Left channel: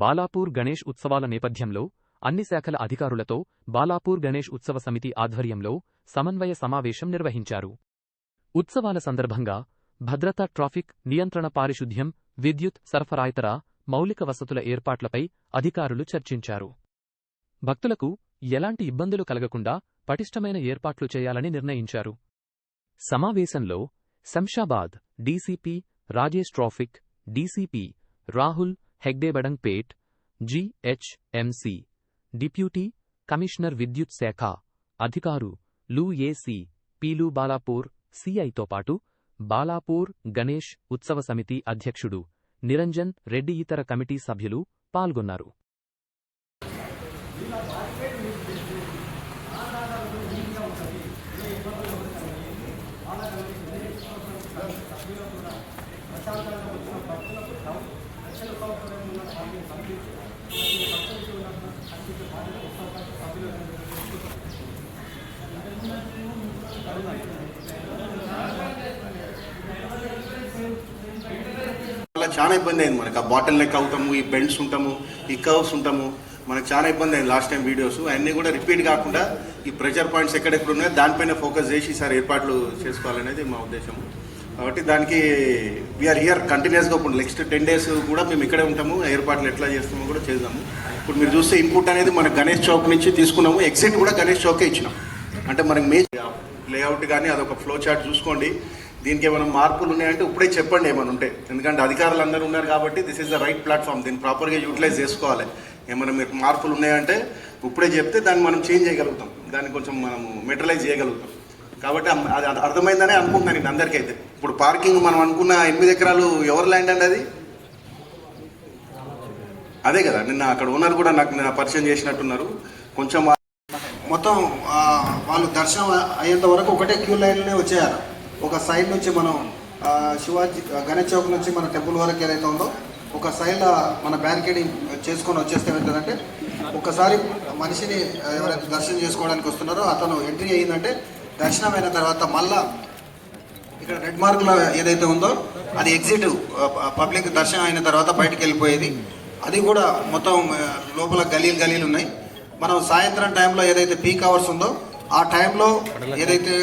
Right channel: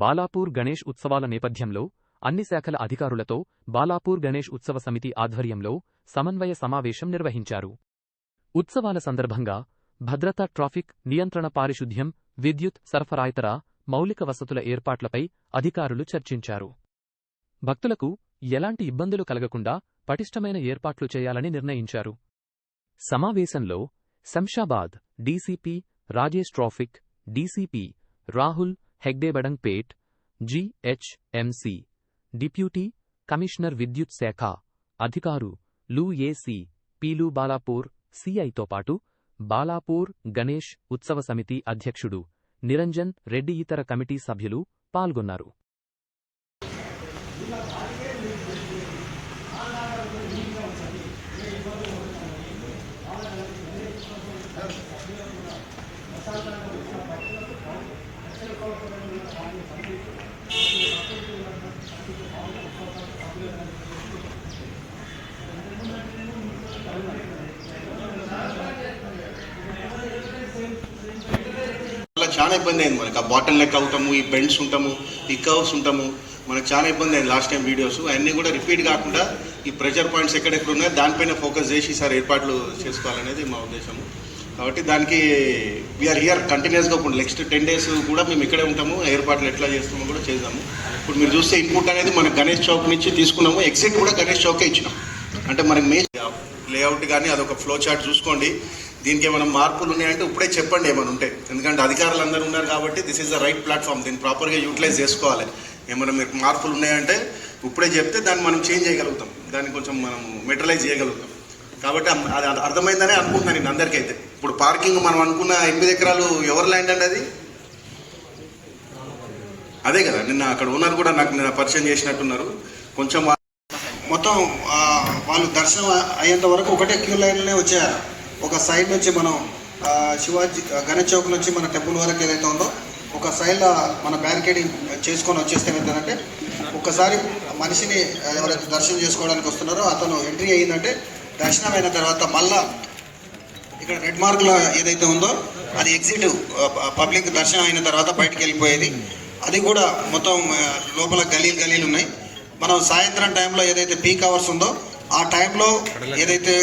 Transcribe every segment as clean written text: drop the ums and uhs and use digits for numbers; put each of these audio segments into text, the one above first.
బాలాపూర్ గణేష్ ఉత్సవాల నేపథ్యంలో అన్ని శాఖల అధికారులతో బాలాపూర్ గణేష్ ఉత్సవ సమితి ఆధ్వర్యంలో సమన్వయ సమావేశం నిర్వహించారు. ఉత్సవాల సందర్భంగా భద్రత, ట్రాఫిక్ నియంత్రణ, పారిశుధ్యం, విద్యుత్ సరఫరాయితర మౌలిక వసతుల ఏర్పాట్లపై అధికారులు చర్చించారు. భక్తులకు ఎలాంటి ఇబ్బందులు కలగకుండా పటిష్టమైన ఏర్పాట్లు చేయాలని నిర్ణయించారు. సమావేశంలో Shamshabad DCP Rajesh, traffic DCP Rahul హెగ్డేబడంగ్పేట్, GHMC deputy commissioner విద్యుత్ శాఖ అధికారులు, ఏసీ పీలు, బాలాపూర్ సీఐతో పాటు బాలాపూర్ గణేష్ ఉత్సవ సమితి అధ్యక్షుడు నిరంజన్ రెడ్డి, ఇతర కమిటీ సభ్యులు పాల్గొన్నారు. చాలా ఇబ్బంది అయింది మనకి. ఆ బాటిల్ నెక్ అవుతాము, ఈ బెల్ట్స్ ఉంటాము, ఈ కర్వ్స్ ఉంటాము, మనకు చాలా ఇబ్బంది అయింది. లాస్ట్ టైం వీడియోస్ అన్నీ కూడా రిపీట్ కాకుండా ఈ ప్రెషర్ పాయింట్స్ ఎక్కడెక్కడ ఉన్నాయో దానిపైన ఫోకస్ చేసి ఈసారి ఏర్పాట్లు చేసుకోవాలనేది మా ఉద్దేశం. కాబట్టి దానికి వీఆర్ హియర్ కంటిన్యూస్గా. ఇప్పుడు నెక్స్ట్ 10 days కూడా మేము ఇక్కడే ఉంటాము. ఏర్పాట్లు ఎట్లా చేస్తామో కూడా చేద్దాము. ఇప్పుడు మీరు చూస్తే ఇన్పుట్ అనేది మనకు గణేష్ చౌక్ నుంచి తీసుకున్నాము. ఎగ్జిట్ కూడా గణేష్ చౌకే ఇచ్చినాం. అంటే మనకి లేఅవుట్ కానీ అదొక ఫ్లో చార్ట్ చూసుకోండి. దీనికి ఏమైనా మార్పులు ఉన్నాయంటే ఇప్పుడే చెప్పండి ఏమైనా ఉంటే. ఎందుకంటే అధికారులు అందరూ ఉన్నారు కాబట్టి this is the right platform. దీన్ని ప్రాపర్గా యూటిలైజ్ చేసుకోవాలి. ఏమైనా మీకు మార్పులు ఉన్నాయంటే ఇప్పుడే చెప్తే దాన్ని మనం చేంజ్ చేయగలుగుతాం, దాన్ని కొంచెం మనం మెటరైజ్ చేయగలుగుతాం. కాబట్టి అది అర్థమైందనే అనుకుంటున్నాను నేను అందరికైతే. ఇప్పుడు పార్కింగ్ మనం అనుకున్న 8 ఎకరాలు ఎవరి ల్యాండ్ అండి? అది అదే కదా. నిన్న అక్కడ ఓనర్ కూడా నాకు నిన్న పరిచయం చేసినట్టున్నారు. కొంచెం మొత్తం వాళ్ళు దర్శనం అయ్యేంత వరకు ఒకటే క్యూ లైన్లోనే వచ్చారు. ఒక సైడ్ నుంచి మనం శివాజీ గణేష్ చౌక్ నుంచి మన టెంపుల్ వరకు ఏదైతే ఉందో ఒక సైడ్ మన బ్యారికేడింగ్ చేసుకొని వచ్చేస్తే ఏమవుతుందంటే ఒక్కసారి మనిషిని ఎవరైతే దర్శనం చేసుకోవడానికి వస్తున్నారో అతను ఎంట్రీ అయ్యిందంటే దర్శనం అయిన తర్వాత మళ్ళా ఇక్కడ రెడ్ మార్క్లో ఏదైతే ఉందో అది ఎగ్జిట్, పబ్లిక్ దర్శనం అయిన తర్వాత బయటకు వెళ్ళిపోయేది. అది కూడా మొత్తం లోపల గలీలు ఉన్నాయి. మనం సాయంత్రం టైంలో ఏదైతే పీక్ అవర్స్ ఉందో ఆ టైంలో ఏదైతే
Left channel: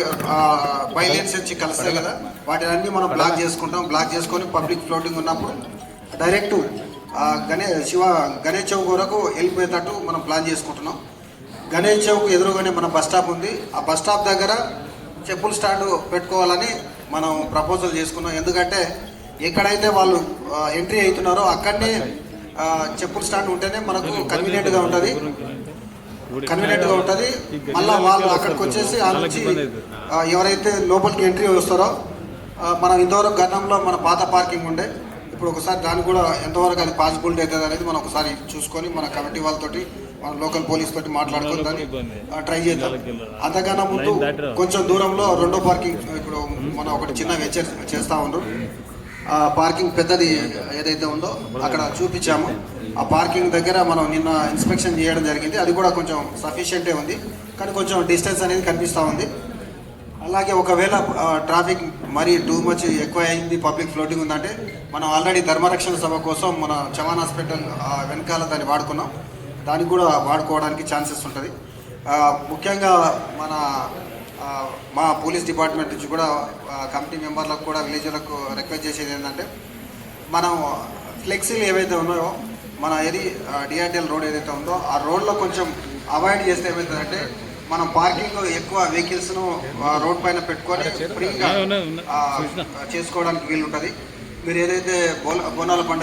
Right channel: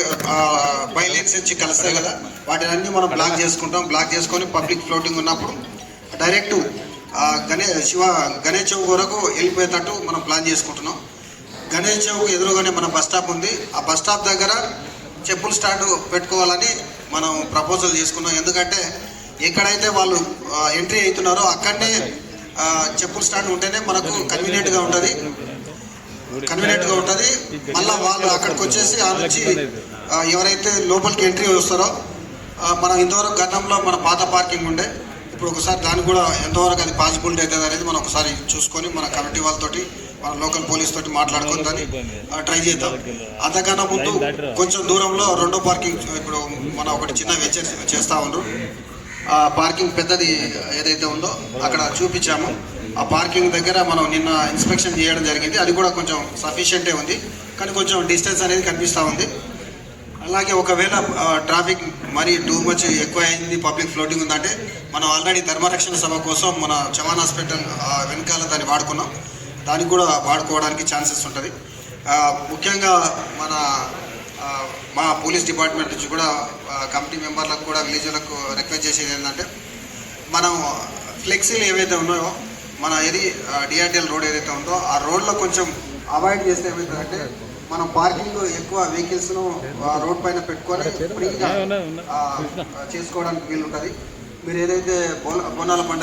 బైలైన్స్ వచ్చి కలుస్తాయి కదా వాటిని మనం బ్లాక్ చేసుకుంటాం. బ్లాక్ చేసుకొని పబ్లిక్ ఫ్లోటింగ్ ఉన్నప్పుడు డైరెక్ట్ గణేష్ చౌక్ వరకు వెళ్ళిపోయేటట్టు మనం ప్లాన్ చేసుకుంటున్నాం. గణేష్ చౌక్ ఎదురుగానే మన బస్ స్టాప్ ఉంది. ఆ బస్ స్టాప్ దగ్గర చెప్పుల స్టాండ్ పెట్టుకోవాలని మనం ప్రపోజల్ చేసుకున్నాం. ఎందుకంటే ఎక్కడైతే వాళ్ళు ఎంట్రీ అవుతున్నారో అక్కడనే చెప్పుల స్టాండ్ ఉంటేనే మనకు కన్వీనియంట్గా ఉంటుంది. మళ్ళీ వాళ్ళు అక్కడికి వచ్చేసి ఆ నుంచి ఎవరైతే లోపలికి ఎంట్రీ వస్తారో మనం ఇంతవరకు గతంలో మన పాత పార్కింగ్ ఉండే, ఇప్పుడు ఒకసారి దాన్ని కూడా ఎంతవరకు అది పాసిబిలిటీ అవుతుంది అనేది మనం ఒకసారి చూసుకొని మన కమిటీ వాళ్ళతోటి మన లోకల్ పోలీస్ తోటి మాట్లాడుకొని దాన్ని ట్రై చేద్దాం. అంతకన్నా ముందు కొంచెం దూరంలో రెండో పార్కింగ్ ఇప్పుడు మనం ఒకటి చిన్న చేస్తూ ఉండ్రు. పార్కింగ్ పెద్దది ఏదైతే ఉందో అక్కడ చూపించాము. ఆ పార్కింగ్ దగ్గర మనం నిన్న ఇన్స్పెక్షన్ చేయడం జరిగింది. అది కూడా కొంచెం సఫిషియెంటే ఉంది, కానీ కొంచెం డిస్టెన్స్ అనేది కనిపిస్తూ ఉంది. అలాగే ఒకవేళ ట్రాఫిక్ మరీ టూ మచ్ ఎక్కువ అయింది, పబ్లిక్ ఫ్లోటింగ్ ఉందంటే మనం ఆల్రెడీ ధర్మరక్షణ సభ కోసం మన చవాన్ హాస్పిటల్ వెనకాల దాన్ని వాడుకున్నాం. దానికి కూడా వాడుకోవడానికి ఛాన్సెస్ ఉంటుంది. ముఖ్యంగా మా పోలీస్ డిపార్ట్మెంట్ నుంచి కూడా కమిటీ మెంబర్లకు కూడా విలేజ్లకు రిక్వెస్ట్ చేసేది ఏంటంటే మనం ఫ్లెక్సీలు ఏవైతే ఉన్నాయో మన డిఆర్డిఎల్ రోడ్ ఏదైతే ఉందో ఆ రోడ్లో కొంచెం అవాయిడ్ చేస్తే ఏమవుతుందంటే మనం పార్కింగ్ ఎక్కువ వెహికల్స్ను రోడ్ పైన పెట్టుకొని ఫ్రీగా చేసుకోవడానికి వీలు ఉంటుంది. మీరు ఏదైతే బోనాల పండుగ